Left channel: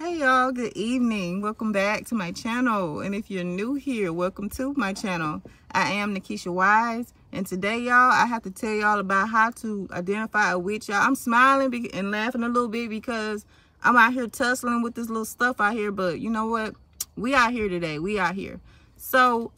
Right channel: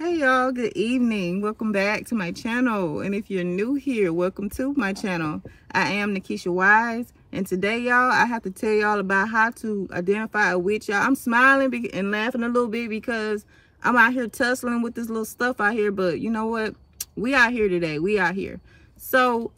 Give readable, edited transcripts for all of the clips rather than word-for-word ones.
Hey y'all, good evening. Welcome back to my channel. And if you're new here, welcome to my channel. I am Nikisha Wise, and today y'all, I have to tell y'all about how to identify a witch. Y'all, I'm smiling and laughing a little bit because I'm out here tussling with this little stuff out here, but you know what? We out here today. We out here. So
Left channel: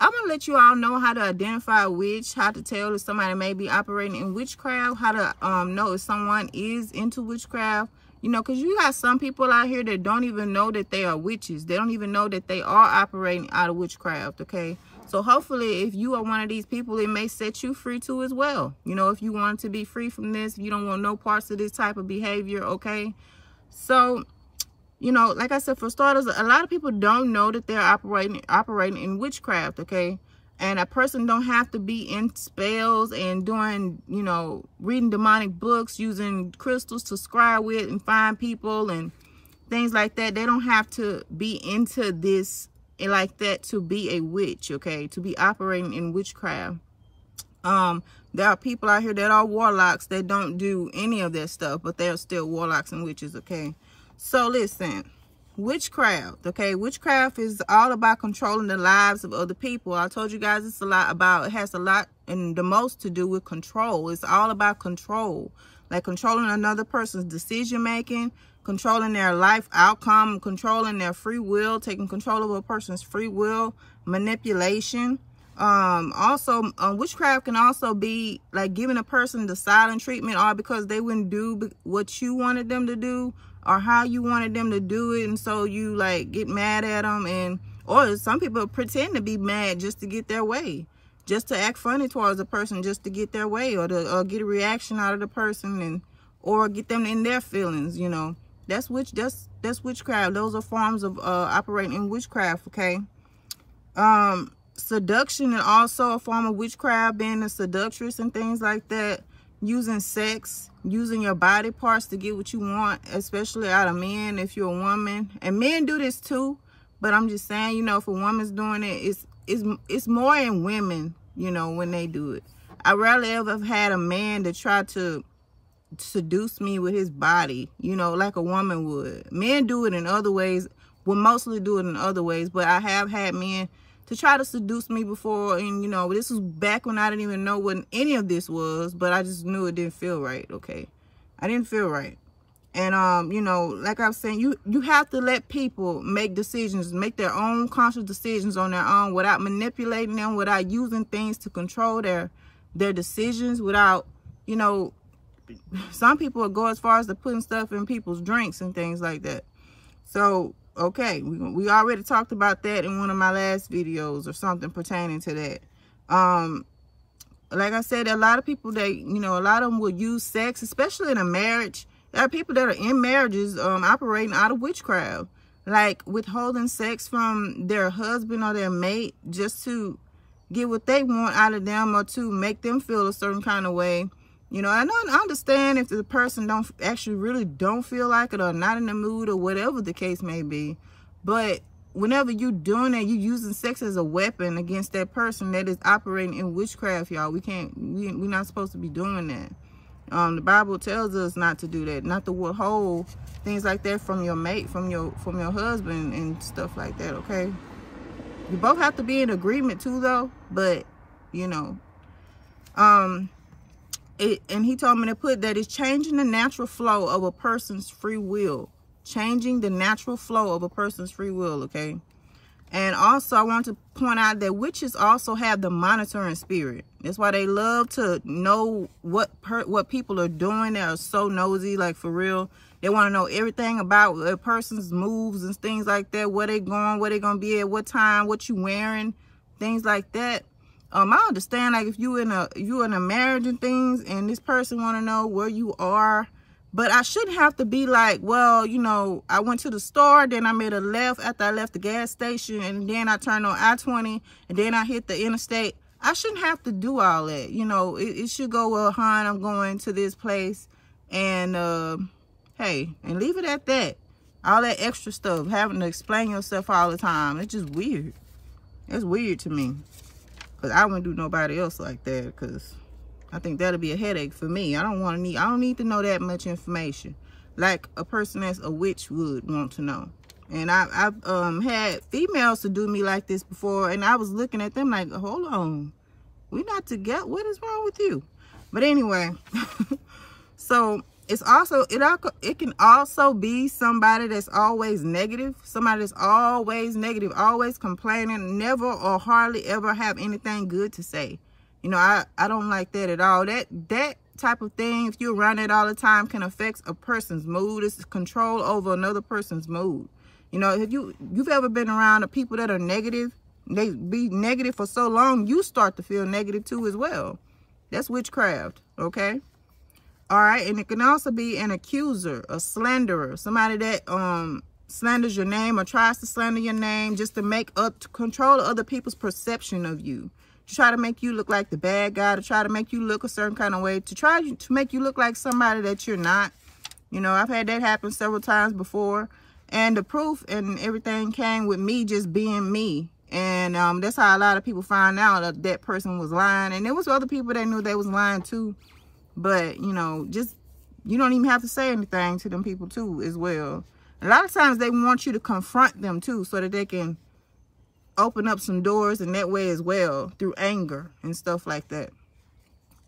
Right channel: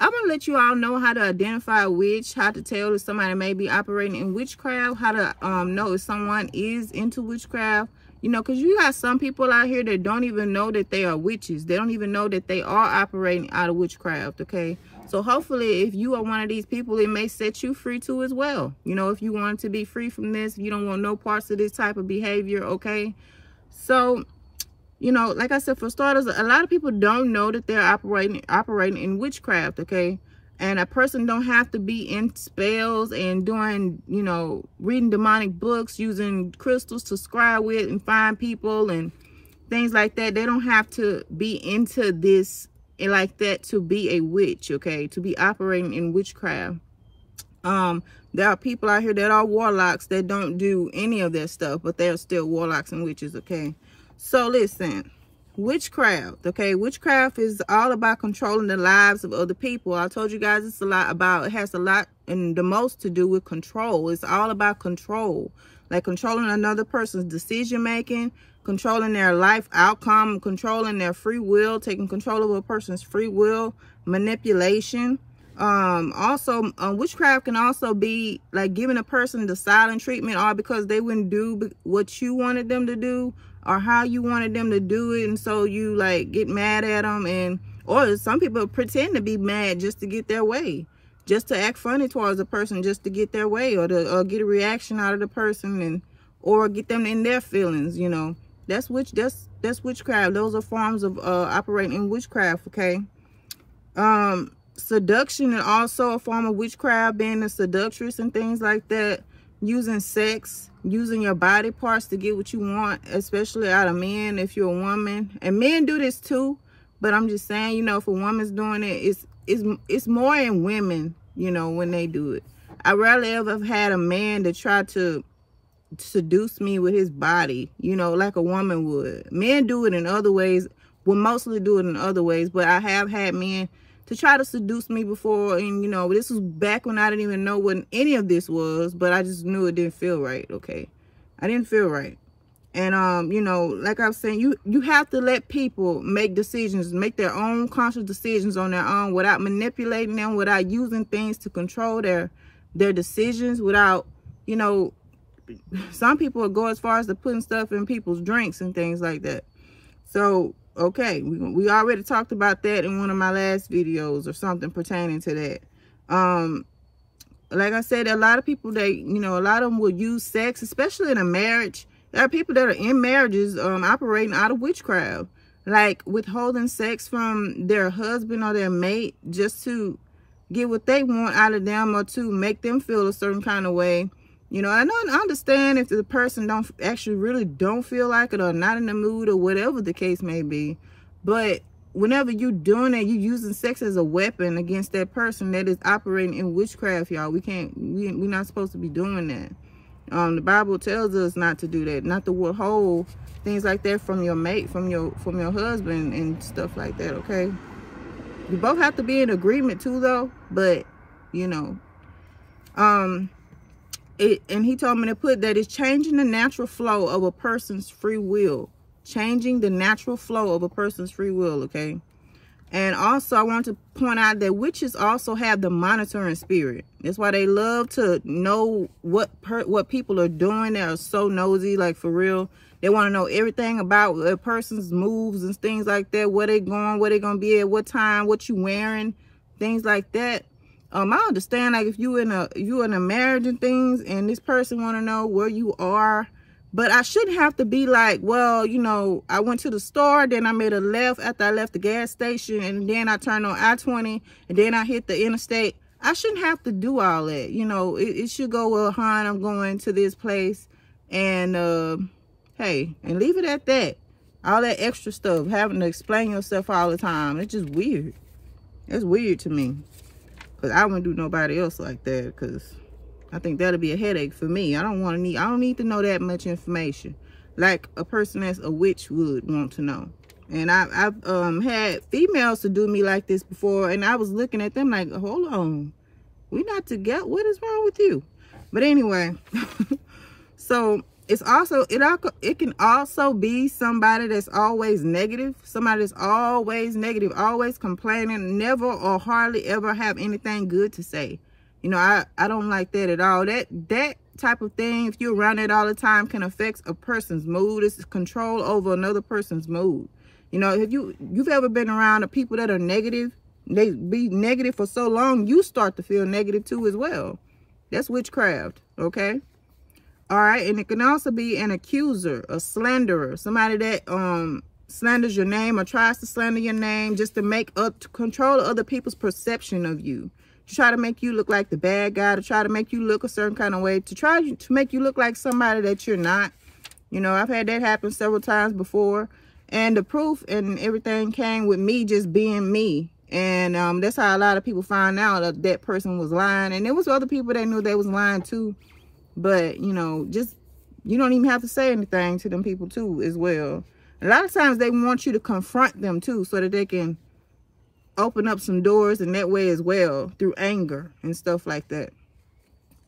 I'm gonna let you all know how to identify a witch, how to tell if somebody may be operating in witchcraft, how to know if someone is into witchcraft. You know, because you got some people out here that don't even know that they are witches. They don't even know that they are operating out of witchcraft, okay? So hopefully, if you are one of these people, it may set you free too as well. You know, if you want to be free from this, if you don't want no parts of this type of behavior, okay? So, you know, like I said, for starters, a lot of people don't know that they're operating in witchcraft, okay? And a person don't have to be in spells and doing, you know, reading demonic books, using crystals to scry with and find people and things like that. They don't have to be into this like that to be a witch, okay? To be operating in witchcraft. There are people out here that are warlocks that don't do any of that stuff, but they're still warlocks and witches, okay? So listen. Witchcraft, okay? Witchcraft is all about controlling the lives of other people. I told you guys it has a lot and the most to do with control. It's all about control, like controlling another person's decision making, controlling their life outcome, controlling their free will, taking control of a person's free will, manipulation. Witchcraft can also be like giving a person the silent treatment, all because they wouldn't do what you wanted them to do or how you wanted them to do it, and so you like get mad at them, and or some people pretend to be mad just to get their way, just to act funny towards a person just to get their way, or to get a reaction out of the person, and or get them in their feelings. You know, that's witchcraft. Those are forms of operating in witchcraft, okay? Seduction is also a form of witchcraft, being a seductress and things like that. Using sex, using your body parts to get what you want, especially out of men if you're a woman. And men do this too, but I'm just saying, you know, if a woman's doing it, it's more in women, you know, when they do it. I rarely ever have had a man that tried to seduce me with his body, you know, like a woman would. Men do it in other ways, will mostly do it in other ways, but I have had men to try to seduce me before, and you know, this was back when I didn't even know what any of this was, but I just knew it didn't feel right, okay? I didn't feel right. And you know, like I was saying, you have to let people make decisions, make their own conscious decisions on their own without manipulating them, without using things to control their decisions, without, you know, some people will go as far as to putting stuff in people's drinks and things like that. So okay, we already talked about that in one of my last videos or something pertaining to that. Like I said, a lot of people, you know, a lot of them will use sex, especially in a marriage. There are people that are in marriages operating out of witchcraft, like withholding sex from their husband or their mate just to get what they want out of them or to make them feel a certain kind of way. You know, I understand if the person really don't feel like it or not in the mood or whatever the case may be. But whenever you're doing it, you're using sex as a weapon against that person that is operating in witchcraft, y'all. We're not supposed to be doing that. The Bible tells us not to do that, not to withhold things like that from your mate, from your husband and stuff like that, okay? You both have to be in agreement too, though. But, you know, and he told me to put that it's changing the natural flow of a person's free will. Changing the natural flow of a person's free will, okay? And also, I want to point out that witches also have the monitoring spirit. That's why they love to know what people are doing. They're so nosy, like for real. They want to know everything about a person's moves and things like that. Where they going, where they going to be at, what time, what you wearing, things like that. I understand, like, if you in a marriage and things, and this person want to know where you are, but I shouldn't have to be like, well, you know, I went to the store, then I made a left after I left the gas station, and then I turned on I-20, and then I hit the interstate. I shouldn't have to do all that, you know. It should go, well, hon, I'm going to this place, and hey, and leave it at that. All that extra stuff, having to explain yourself all the time, it's just weird. It's weird to me. Because I wouldn't do nobody else like that, because I think that'll be a headache for me. I don't need to know that much information. like a person that's a witch would want to know. And I've had females to do me like this before, and I was looking at them like, hold on, we're not together. What is wrong with you? But anyway, so it's also, it can also be somebody that's always negative, somebody that's always negative, always complaining, never or hardly ever have anything good to say. You know, I don't like that at all. That type of thing, if you're around it all the time, can affect a person's mood. It's control over another person's mood. You know, if you've ever been around the people that are negative, they be negative for so long, you start to feel negative too as well. That's witchcraft, okay? All right, and it can also be an accuser, a slanderer, somebody that slanders your name or tries to slander your name just to control other people's perception of you. To try to make you look like the bad guy, to try to make you look a certain kind of way, to try to make you look like somebody that you're not. You know, I've had that happen several times before. And the proof and everything came with me just being me. And that's how a lot of people find out that person was lying. And there was other people that knew they was lying too. But, you know, just, you don't even have to say anything to them people too as well. A lot of times they want you to confront them too so that they can open up some doors in that way as well, through anger and stuff like that.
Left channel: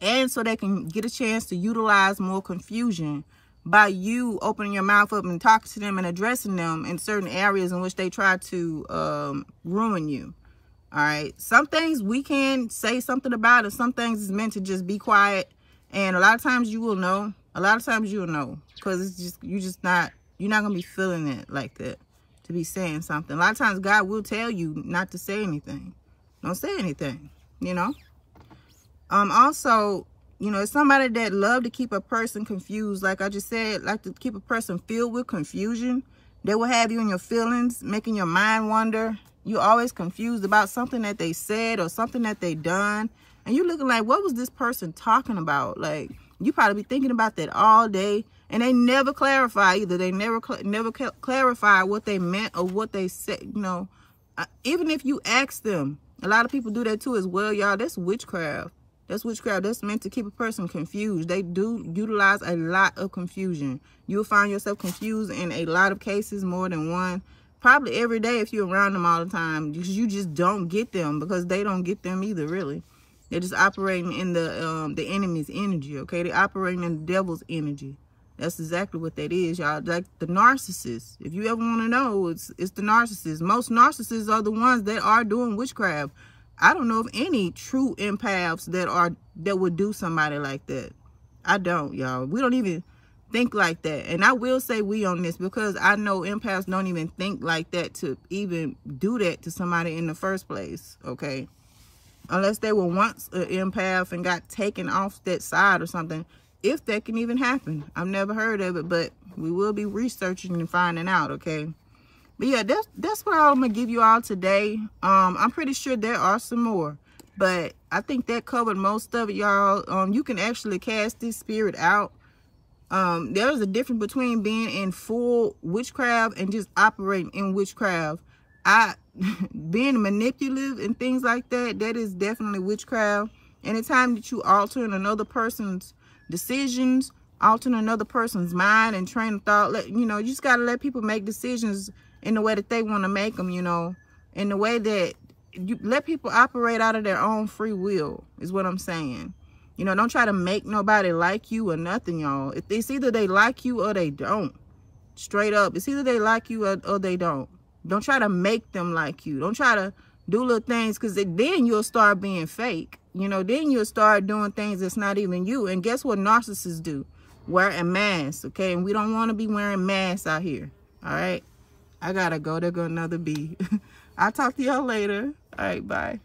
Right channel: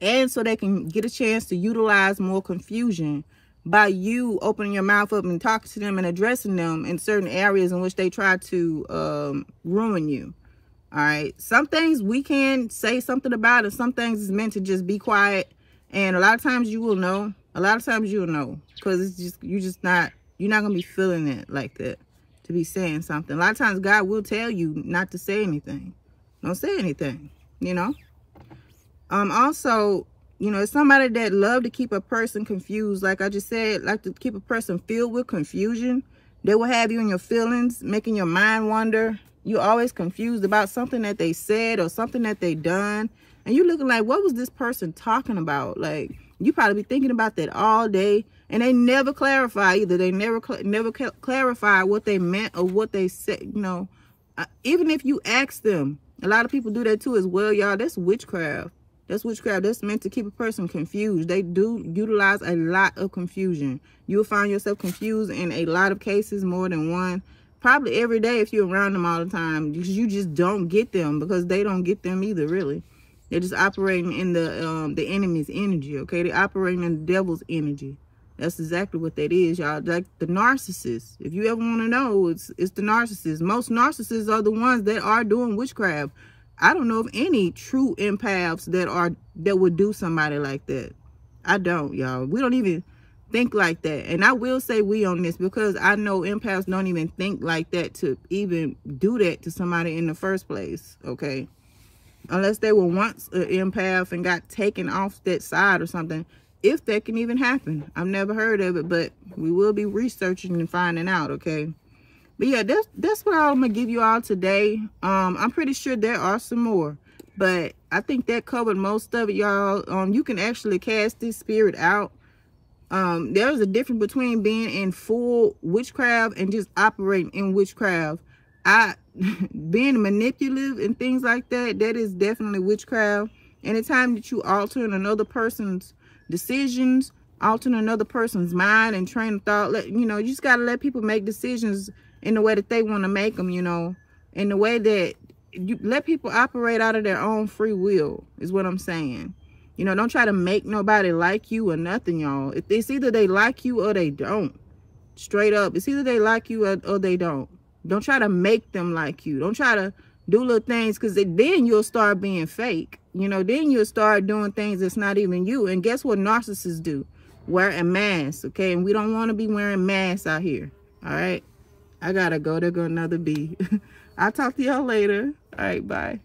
And so they can get a chance to utilize more confusion by you opening your mouth up and talking to them and addressing them in certain areas in which they try to ruin you. All right. Some things we can say something about, and some things is meant to just be quiet. And a lot of times you will know. A lot of times you'll know, because it's just, you're not going to be feeling it like that to be saying something. A lot of times God will tell you not to say anything. Don't say anything, you know. Also, you know, it's somebody that love to keep a person confused. Like I just said, like to keep a person filled with confusion. They will have you in your feelings, making your mind wander. You're always confused about something that they said or something that they done. And you're looking like, what was this person talking about? Like, you probably be thinking about that all day. And they never clarify either. They never clarify what they meant or what they said, you know. Even if you ask them, a lot of people do that too as well, y'all. That's witchcraft. That's witchcraft. That's meant to keep a person confused. They do utilize a lot of confusion. You'll find yourself confused in a lot of cases, more than one. Probably every day if you're around them all the time. You just don't get them, because they don't get them either, really. They're just operating in the enemy's energy, okay? They're operating in the devil's energy. That's exactly what that is, y'all. Like the narcissist. If you ever want to know, it's the narcissist. Most narcissists are the ones that are doing witchcraft. I don't know of any true empaths that would do somebody like that. I don't, y'all. We don't even think like that. And I will say we on this, because I know empaths don't even think like that to even do that to somebody in the first place, okay? Unless they were once an empath and got taken off that side or something. If that can even happen. I've never heard of it, but we will be researching and finding out, okay? But yeah, that's what I'm going to give you all today. I'm pretty sure there are some more, but I think that covered most of it, y'all. You can actually cast this spirit out. There's a difference between being in full witchcraft and just operating in witchcraft. Being manipulative and things like that, that is definitely witchcraft. Anytime that you alter another person's decisions, altering another person's mind and train of thought, you know, you just got to let people make decisions in the way that they want to make them, you know, in the way that you let people operate out of their own free will, is what I'm saying. You know, don't try to make nobody like you or nothing, y'all. It's either they like you or they don't. Straight up. It's either they like you or they don't. Don't try to make them like you. Don't try to do little things, because then you'll start being fake. You know, then you'll start doing things that's not even you. And guess what narcissists do? Wear a mask, okay? And we don't want to be wearing masks out here, all right? I gotta go. There go another bee. I'll talk to y'all later. All right, bye.